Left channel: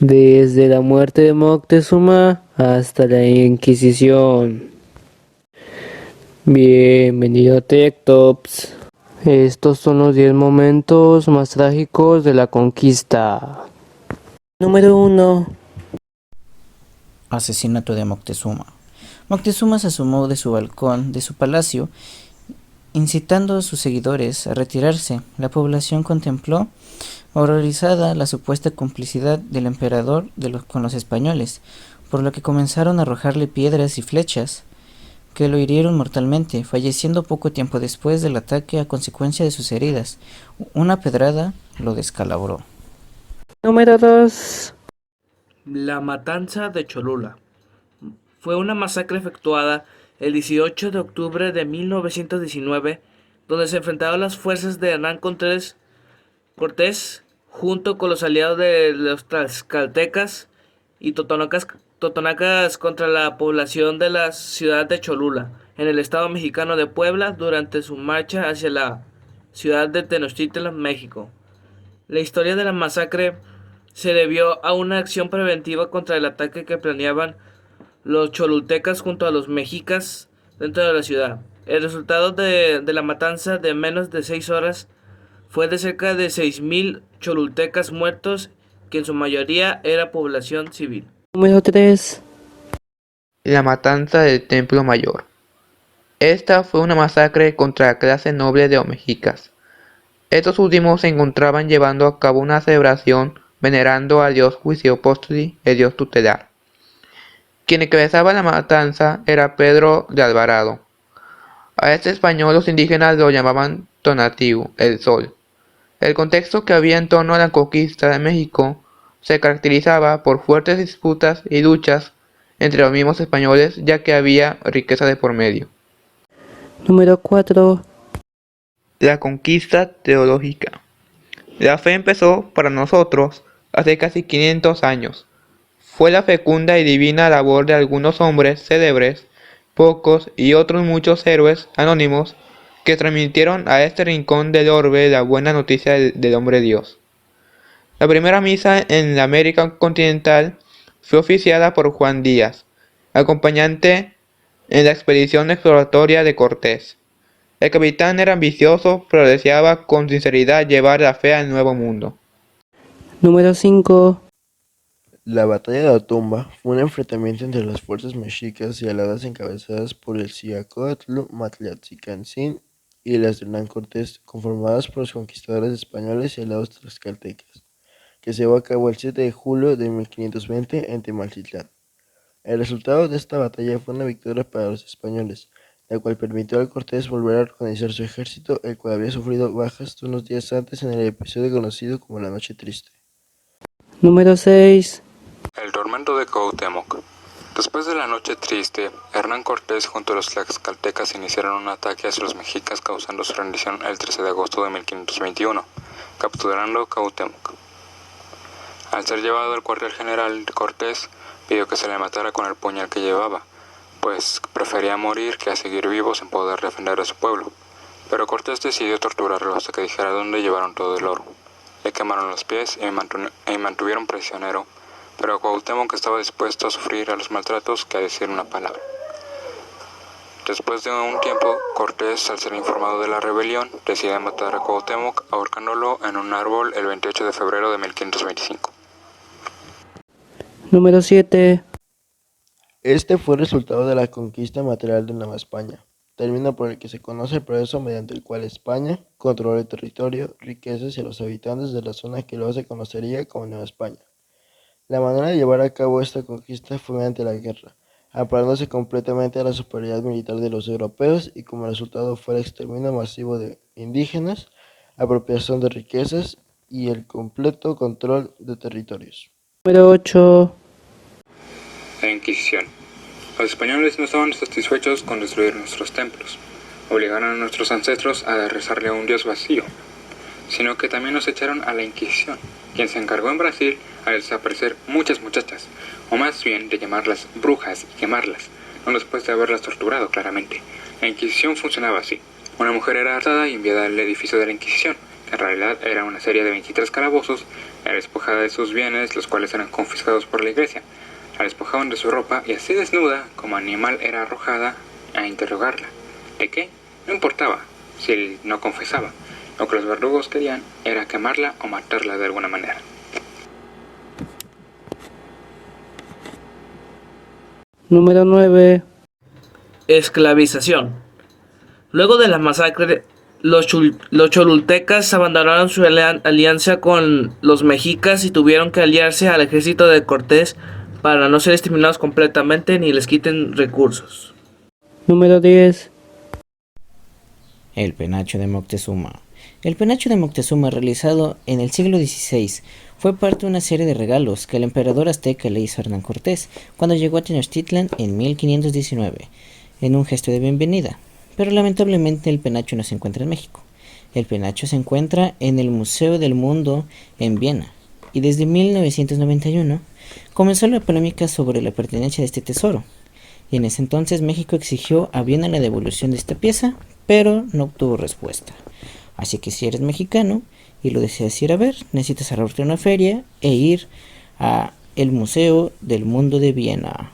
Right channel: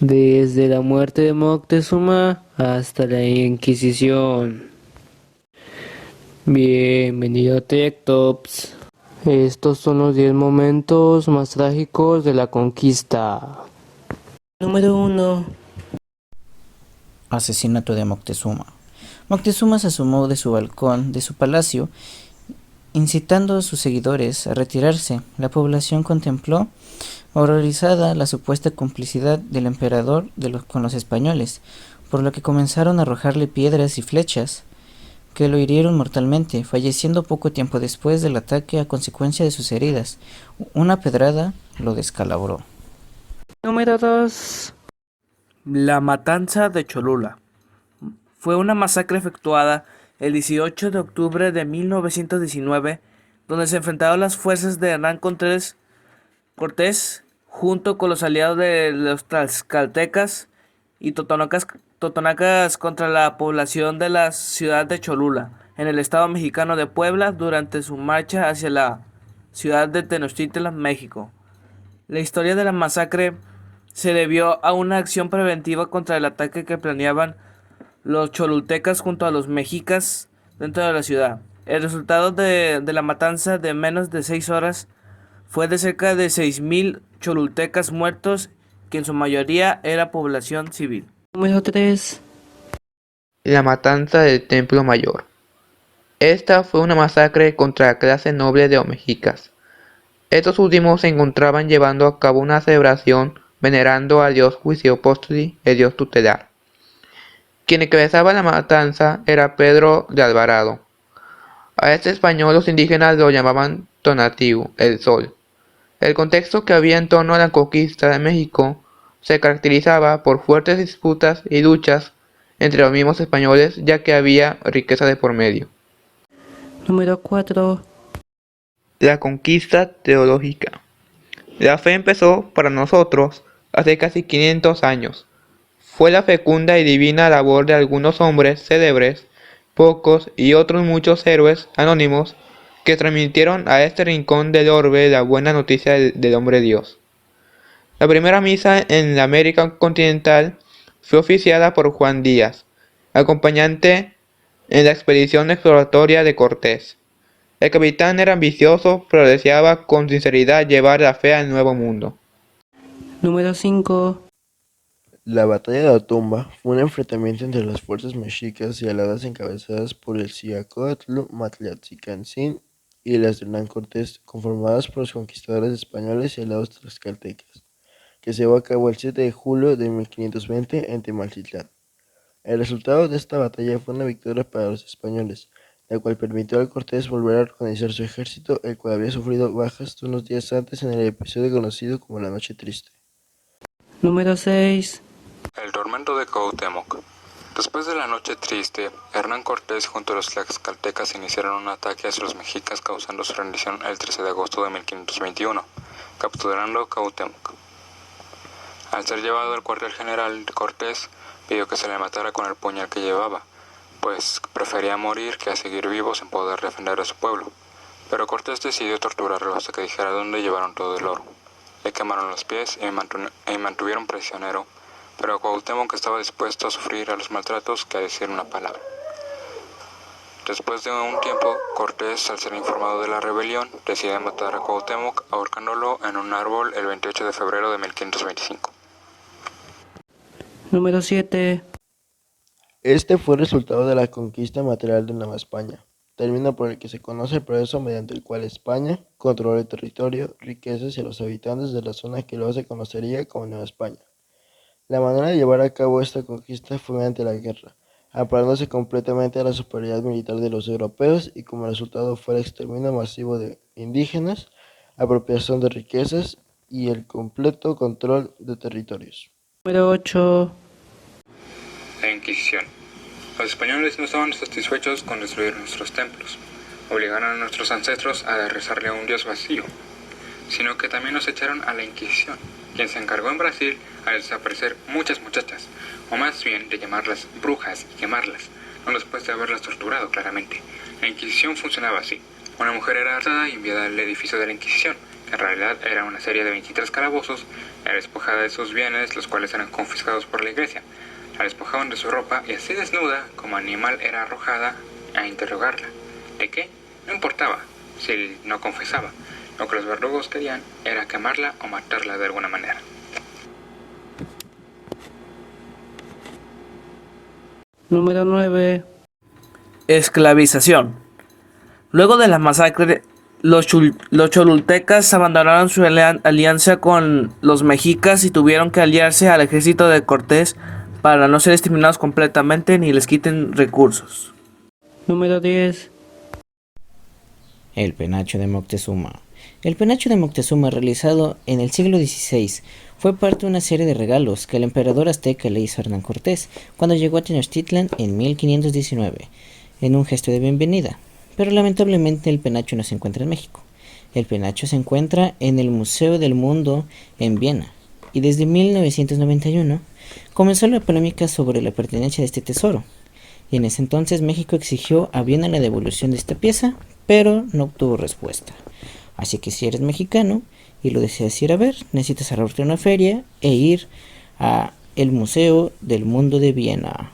desde la muerte de Moctezuma hasta la Inquisición. Bienvenido a TechTops. Estos son los 10 momentos más trágicos de la conquista. Número 1. Asesinato de Moctezuma. Moctezuma se asomó de su balcón de su palacio, incitando a sus seguidores a retirarse. La población contempló, horrorizada, la supuesta complicidad del emperador con los españoles, por lo que comenzaron a arrojarle piedras y flechas, que lo hirieron mortalmente, falleciendo poco tiempo después del ataque a consecuencia de sus heridas. Una pedrada lo descalabró. Número 2. La matanza de Cholula fue una masacre efectuada el 18 de octubre de 1919, donde se enfrentaron las fuerzas de Hernán Cortés junto con los aliados de los tlaxcaltecas y totonacas contra la población de la ciudad de Cholula, en el estado mexicano de Puebla, durante su marcha hacia la ciudad de Tenochtitlan, México. La historia de la masacre se debió a una acción preventiva contra el ataque que planeaban los cholultecas junto a los mexicas dentro de la ciudad. El resultado de la matanza de menos de 6 horas fue de cerca de 6.000 cholultecas muertos, que en su mayoría era población civil. Número 3. La matanza del Templo Mayor. Esta fue una masacre contra la clase noble de los mexicas. Estos últimos se encontraban llevando a cabo una celebración venerando al dios Huitzilopochtli, el dios tutelar. Quien encabezaba la matanza era Pedro de Alvarado. A este español los indígenas lo llamaban Tonatiuh, el Sol. El contexto que había en torno a la conquista de México se caracterizaba por fuertes disputas y luchas entre los mismos españoles, ya que había riqueza de por medio. Número 4. La conquista teológica. La fe empezó para nosotros hace casi 500 años. Fue la fecunda y divina labor de algunos hombres célebres, pocos y otros muchos héroes anónimos que transmitieron a este rincón del orbe la buena noticia del hombre Dios. La primera misa en la América continental fue oficiada por Juan Díaz, acompañante en la expedición exploratoria de Cortés. El capitán era ambicioso, pero deseaba con sinceridad llevar la fe al Nuevo Mundo. Número 5. La batalla de la tumba fue un enfrentamiento entre las fuerzas mexicas y aladas encabezadas por el Ciacóatl Matlatzicancín y las de Hernán Cortés, conformadas por los conquistadores españoles y aliados tlaxcaltecas, que se llevó a cabo el 7 de julio de 1520 en Tenochtitlán. El resultado de esta batalla fue una victoria para los españoles, la cual permitió a Cortés volver a organizar su ejército, el cual había sufrido bajas unos días antes en el episodio conocido como la Noche Triste. Número 6. El tormento de Cuauhtémoc. Después de la Noche Triste, Hernán Cortés junto a los tlaxcaltecas iniciaron un ataque hacia los mexicas, causando su rendición el 13 de agosto de 1521, capturando Cuauhtémoc. Al ser llevado al cuartel general, Cortés pidió que se le matara con el puñal que llevaba, pues prefería morir que a seguir vivo sin poder defender a su pueblo. Pero Cortés decidió torturarlo hasta que dijera dónde llevaron todo el oro. Le quemaron los pies y mantuvieron prisionero, pero Cuauhtémoc estaba dispuesto a sufrir a los maltratos que a decir una palabra. Después de un tiempo, Cortés, al ser informado de la rebelión, decide matar a Cuauhtémoc ahorcándolo en un árbol el 28 de febrero de 1525. Número 7. Este fue el resultado de la conquista material de Nueva España, término por el que se conoce el proceso mediante el cual España controla el territorio, riquezas y a los habitantes de la zona que luego se conocería como Nueva España. La manera de llevar a cabo esta conquista fue mediante la guerra, amparándose completamente a la superioridad militar de los europeos y como resultado fue el exterminio masivo de indígenas, apropiación de riquezas y el completo control de territorios. Número 8. La Inquisición. Los españoles no estaban satisfechos con destruir nuestros templos. Obligaron a nuestros ancestros a rezarle a un dios vacío, sino que también nos echaron a la Inquisición, quien se encargó en Brasil a desaparecer muchas muchachas, o más bien de llamarlas brujas y quemarlas, no después de haberlas torturado claramente. La Inquisición funcionaba así. Una mujer era arrestada y enviada al edificio de la Inquisición, En realidad era una serie de 23 calabozos, era despojada de sus bienes, los cuales eran confiscados por la iglesia. La despojaban de su ropa y así desnuda, como animal, era arrojada a interrogarla. ¿De qué? No importaba, si no confesaba. Lo que los verdugos querían era quemarla o matarla de alguna manera. Número 9. Esclavización. Luego de la masacre, los cholultecas abandonaron su alianza con los mexicas y tuvieron que aliarse al ejército de Cortés para no ser exterminados completamente ni les quiten recursos. Número 10. El penacho de Moctezuma. El penacho de Moctezuma, realizado en el siglo XVI, fue parte de una serie de regalos que el emperador azteca le hizo a Hernán Cortés cuando llegó a Tenochtitlan en 1519, en un gesto de bienvenida. Pero lamentablemente el penacho no se encuentra en México. El penacho se encuentra en el Museo del Mundo en Viena, y desde 1991 comenzó la polémica sobre la pertenencia de este tesoro, y en ese entonces México exigió a Viena la devolución de esta pieza, pero no obtuvo respuesta. Así que si eres mexicano y lo deseas ir a ver, necesitas ahorrarte una feria e ir a el Museo del Mundo de Viena.